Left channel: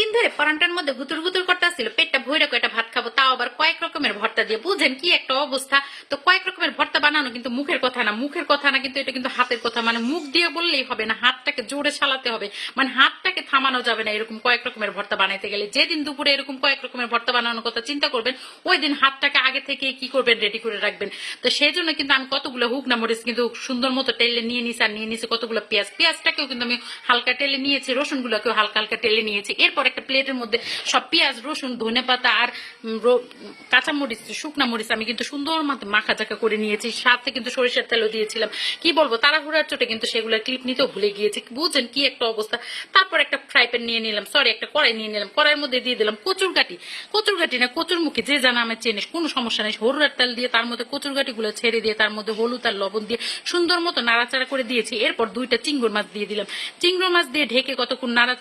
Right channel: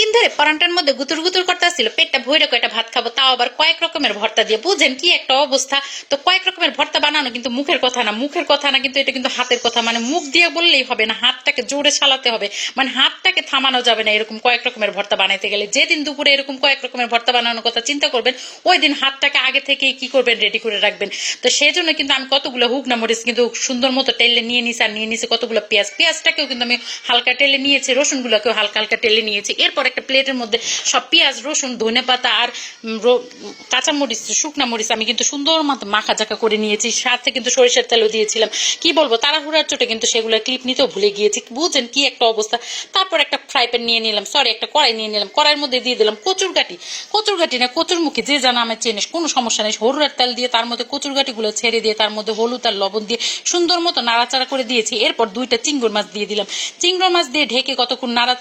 দিন ধরে পরান্টার মধ্যে গুতুর গুতুর করতে আসছিল, পেটটা ভৈরে কয়টা ভাত খাব, তাও আবার কয়েক রকমের ভর্তা দিয়ে। বুঝেন কি একটা অবস্থা? তো কয়েক রকমের ভর্তা বানানো কিন্তু মুখের কথা না, মুখের কথা না কিন্তু এটা কিন্তু হাতের কথা। মানে মুখ দিয়ে বললেই হবে না, হাতটাকে জোরে চালাতে হবে। মানে হাতটাকে থামানো যাবে না এরকম কয়েক রকমের ভর্তা বানাইতে গেলে। যেদিন দুপুরে এরকম কয়েক রকমের ভর্তা বানানোর কথা চিন্তা করবেন, ওই দিন হাতটাকে আগে থেকে কি করবেন রেডি করে রাখবেন। তো সেই জন্য কিন্তু আমি কতগুলো হুকনা মরিচ কিন্তু সুন্দর মতো টেলে নিয়ে নিছি, আর নিয়ে নিছি কতগুলো পেঁয়াজ। পেঁয়াজটাকেও কিন্তু আমি হালকা টেলে নিয়েছি, রসুনগুলোকেও হালকা হালকা টেলে নিয়েছি। এরপর একটা প্লেটের মধ্যে সব পেঁয়াজ রসুন ধনে পাতা আর উম, কাঁচা মরিচ শুকনা মরিচ আমি কিন্তু সুন্দর মতো মাখা চাকা করে নিয়েছি। সাথে কিন্তু সরিষার তেলও দিয়েছিলাম। কি বলব তাড়াহুড়ার চোটে কিন্তু সেগুলো ক্লিপ নিতেও ভুলে গিয়েছি। বুঝেন কি একটা অবস্থা? তারপর একটা ফ্রাই প্যান নিয়ে নিলাম। সরি একটা কড়াই নিয়ে নিলাম। কড়াইয়ের মধ্যে দিয়ে দিলাম কচুর গাটি কচুর গাটি না কচুর মুখে যে জানা আমার চেনে কোনো সমস্যা নেই। হরুরার তেল দিয়ে তার মধ্যে কচুর গাটিগুলো ছেড়ে দিয়ে তার মধ্যে হলুদ আর লবণ দিয়ে সুন্দর মতো নাড়াচাড়া করে দিয়েছি। এরপর দুইটা চিংড়ি মাছ দিয়ে দিলাম। চিংড়ি মাছ দিয়ে ঢেকে কতক্ষণ নাড়া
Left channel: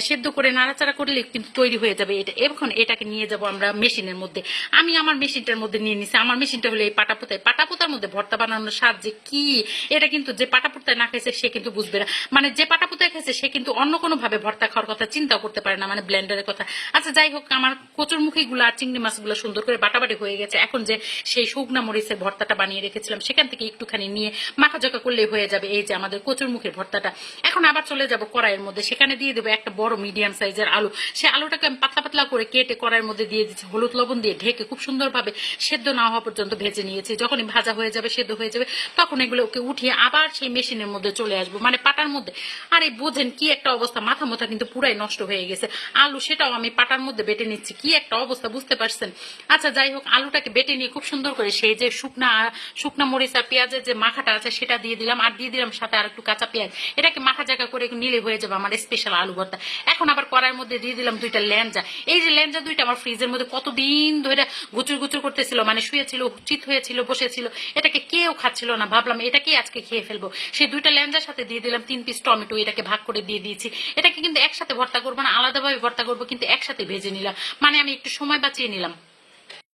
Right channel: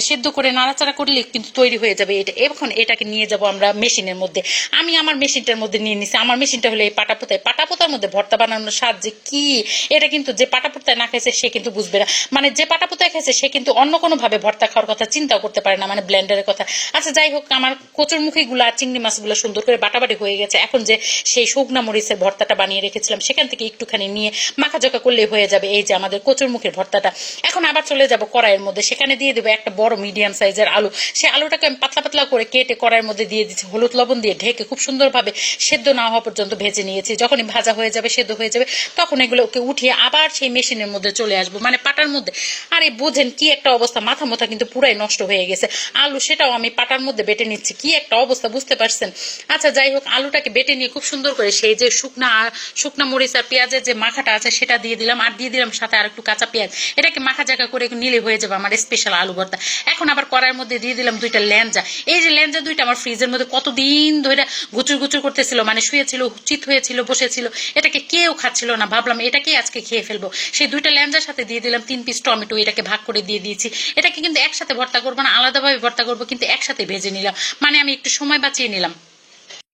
সেদ্ধ করে নাড়াচাড়া করলে কিন্তু তৈরি হয়ে যাবে এটা। এখন এটাকে নিয়ে যাব আমরা মেশিনের মধ্যে। আমি আমার মেশিনটার মধ্যে নিয়ে নিছি। আমার মেশিনটা হলো এই পাটাপোতায়। পাটাপোতার মধ্যে ভর্তা বানানোর স্বাদ যে কি, এটা কিন্তু যে পাটাপোতায় না খাইছে সে কিন্তু বুঝবে না। মানে যে পাটাপোতায় খাইছে সে কিন্তু অন্য কোনো ভাবে ভর্তা খাওয়ার কথা চিন্তাও করতে পারে না মানে ব্লেন্ডারের কথা। আচ্ছা যাই হোক, আমার কচুর মুখিগুলো আর চিংড়ি মাছগুলো সুন্দর করে বাটাবাটি হয়ে গেছে। এখন যে সেই শুকনা মরিচের ভর্তাটা বানিয়ে রেখেছিলাম, সেখান থেকে একটুখানি নিয়ে মাখাজোকা করলে হয়ে যাবে। এই যে আমাদের কচুর মুখের ভর্তাটা। এখন আবার চলে যাব কড়াইয়ের মধ্যে। সেখানে দিয়ে দেবো একটা বড় মিডিয়াম সাইজের আলু, সে আলুটাকে আমি পাতলা পাতলা করে কেটে কড়াইয়ের মধ্যে দিয়ে দিচ্ছি হলুদ লবণ দিয়ে ঢেকে খুব সুন্দরভাবে সেদ্ধ না হওয়া পর্যন্ত ভেজে নিয়েছি। যখনই ভাজা হয়ে যাবে, সেদ্ধ হয়ে যাবে, তখন এগুলোকে উঠিয়ে আবার সেই মেশিনের মধ্যে চলে আসব। মানে পাটার মধ্যে। আরে বোঝেন কি একটা অবস্থা, মাথা মাথা কিন্তু পুরাই নষ্ট হয়ে গেছে। আলু সেটাও আমি পাটার মধ্যে বেটে নিচ্ছি। কি একটা অবস্থা, বুঝতে পারছেন? আচ্ছা যাই হোক, আলুটাকে বেটে নিয়ে খুব সুন্দর করে সেই যে শুকনা শুকনা মরিচ আর পেঁয়াজের যে মাখাটা আছে, সেটা দিয়ে দিলাম। আর দিয়ে দিলাম সাথে আর একটু কাঁচা পেঁয়াজ। এটাকে মাখা জায়গা করে নিলে হয়ে যাবে আমার স্পেশাল আলু ভর্তা। এখন আবার কড়াইয়ের মধ্যে দিয়ে দিলাম দুইটা ল্যাঞ্জা। এই যে ল্যাঞ্জা দুইটা আমার ফ্রিজের মধ্যে কতদিন ধরে গুচুর গুচুর করতেছিল মানে শুয়েছিল, চিত হয়েছিল, বসেছিল, এটাকে কেউ খাচ্ছিল না। ভাবলাম এটাকেই আজকে খেয়ে ফেলব। সেই দুইটা ল্যাঞ্জার সাথে দিয়ে দিলাম তিন পিস টমেটো, এটাকে ভাগ করে দিয়ে দিয়েছি। এটাকে কিন্তু একসাথে ভর্তা করব না, আলাদাভাবে ভর্তা করব, কিন্তু একসাথে ভেজে নিলাম। মানে আমি একটু সময় বাঁচিয়ে নিলাম।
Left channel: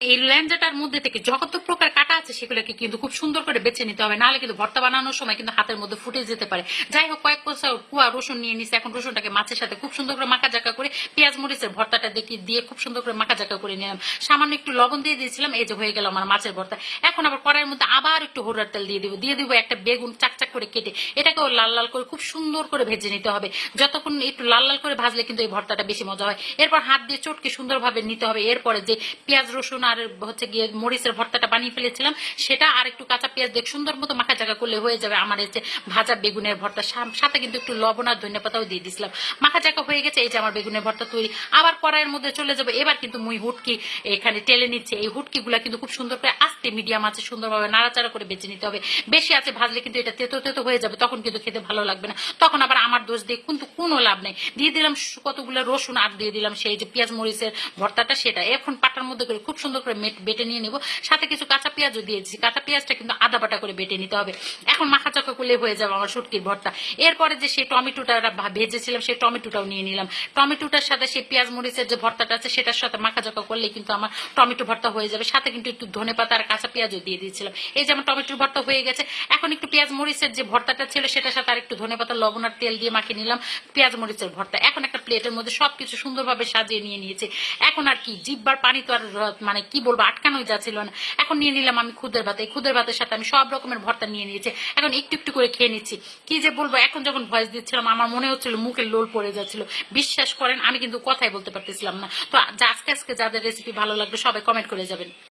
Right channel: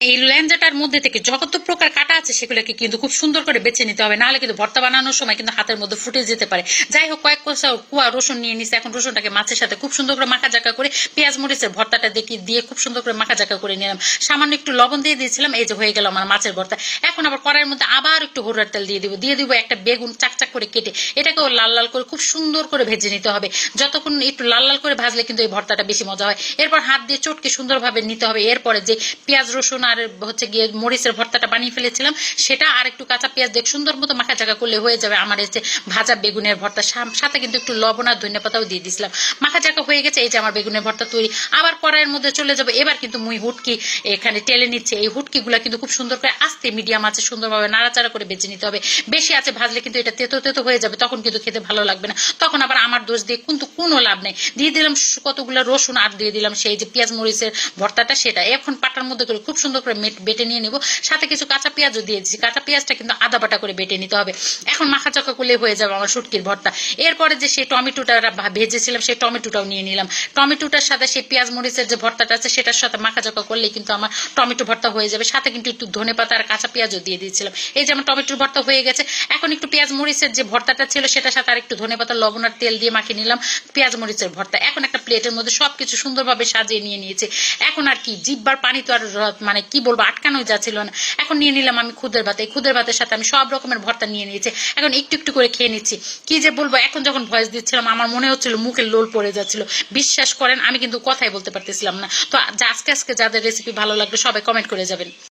এই ল্যাঞ্জাটার মধ্যে থেকে যত প্রকার কাটা আছে সেগুলোকে কিন্তু খুব সুন্দর করে বেছে নিতে হবে। নাহলে কিন্তু ভর্তা বানানোর সময় কিন্তু হাতের মধ্যে ফুটে যেতে পারে। যাই হোক, কয়েক কোষা কুয়া রসুন নিয়ে নিচ্ছে এখন রসুনটাকে মাছের সাথে খুব সুন্দর করে মাখা জাকা করে পেঁয়াজ মরিচের ভর্তাটা দেখি দিয়ে খুব সুন্দর করে মাখা জাকা করে নিলাম। সামান্য একটু লবণ দিয়ে দিয়েছিলাম, এই যে হয়ে গেল আমার মাছের ভর্তা। এখন আবার কড়াইয়ের মধ্যে আবার একটু হরুয়ার তেল দিয়ে দিব। দিয়ে দিব একটা বেগুন চাকচাক করে কেটে। এটাকেও লাল লাল করে খুব সুন্দর করে ভেজে নিতে হবে। যতক্ষণ একটু লাল লাল করে ভাজলে কিন্তু এই ভর্তাটা বেশি মজা হয়। এরপর হাত দিয়ে চটকে সুন্দরভাবে নিতে হবে। এরপরে যে পেঁয়াজ রসুন আর হচ্ছে গিয়ে মরিচের ভর্তাটা বানিয়ে ফেলেছিলাম। সেটা আর একটু কাঁচা পেঁয়াজ দেখ সুন্দর মতো মাখা জায়গা করলে হয়ে যাবে আমার যে ভাজা বেগুনের ভর্তা। সাথে কিন্তু একটু লবণ আর ধনে পাতাও দিয়ে দিয়েছিলাম মাখা জায়গা হয়ে গেছে, এই যে আমার বেগুনের ভর্তা তৈরি। আবার কড়াইয়ের মধ্যে চলে যাবে। এবার কিন্তু মুই হুটকি এখানে টেলে নিচ্ছে। এই হুটকিগুলা কিন্তু খুব সুন্দর করে আস্তে মিডিয়াম আছে, সুন্দরভাবে নাড়াচাড়া করে বেছে নিতে হবে। বেশি আছে ভাজলে কিন্তু এটা তেতো তেতো হয়ে যাবে, তখন কিন্তু খেতে ভালো লাগবে না। তখন আবার আমার দোষ দিয়ে কিন্তু কোনো লাভ নেই। দিয়ে দিলাম কতগুলো রসুন আর দিয়ে দিলাম সেই যে পেঁয়াজ মরিচের ভর্তাটা, সেটা। এখন পাটার মধ্যে করে খুব সুন্দর করে বেটে নিয়ে নেব। সাথে কিছু কাঁচা পেঁয়াজও দিয়ে দিচ্ছি কাঁচা পেঁয়াজটা কিন্তু আদা বাটা করে বেটে নিতে হবে। এখন মাখা চাকা করলে হয়ে যাবে আমার শুটকির ভর্তা। এরপরে যে সেই টমেটোটা ভেজেছিলাম, সেই টমেটোটাও নিয়ে নিলাম। টমেটোটার সাথে সেই পেঁয়াজ মরিচের যে ভর্তাটা আছে, সেটার সাথে মাখা চাকা করলে কিন্তু আমার টমেটো ভর্তা হয়ে যাবে। সাথে কিন্তু একটু ধনে পাতা আর কাঁচা পেঁয়াজও দিয়ে দিয়েছিলাম। এই যে আমার টমেটোর ভর্তা হয়ে গেছে। এখন একটু পেঁয়াজ মরিচের যে ভর্তাটা ছিল, সেটার সাথে আর একটু ধনে পাতা, লবণ আর তেল দিয়ে মাখিয়ে নিলাম পেঁয়াজ মরিচের ভর্তা। এখন একটা প্লেটের মধ্যে সবকিছু সুন্দরভাবে সাজিয়ে নিয়ে নিয়েছে। এখন আর কি, জিব্বার পানি তো আর মানে কি বলব, আটকানোই যাচ্ছিল না। এখন নিয়ে নিলাম আমি খুদের ভাত। এই খুদের ভাতের সাথে আমি সব রকমের ভর্তা নিয়ে নিয়েছি। এখন একটু একটু করে খেয়ে নিচ্ছি। কি যে বলব, এখন যখন ভয়েস দিচ্ছিলাম, আমার মনে হচ্ছিল মুখে লোল পড়ে যাচ্ছিল। বিশ্বাস করেন, আমি কিন্তু কথাই বলতে পারতেছিলাম না। তো আজকে আজকে যাদের রেসিপি ভালো লাগবে, সবাই কমেন্ট করে যাবেন।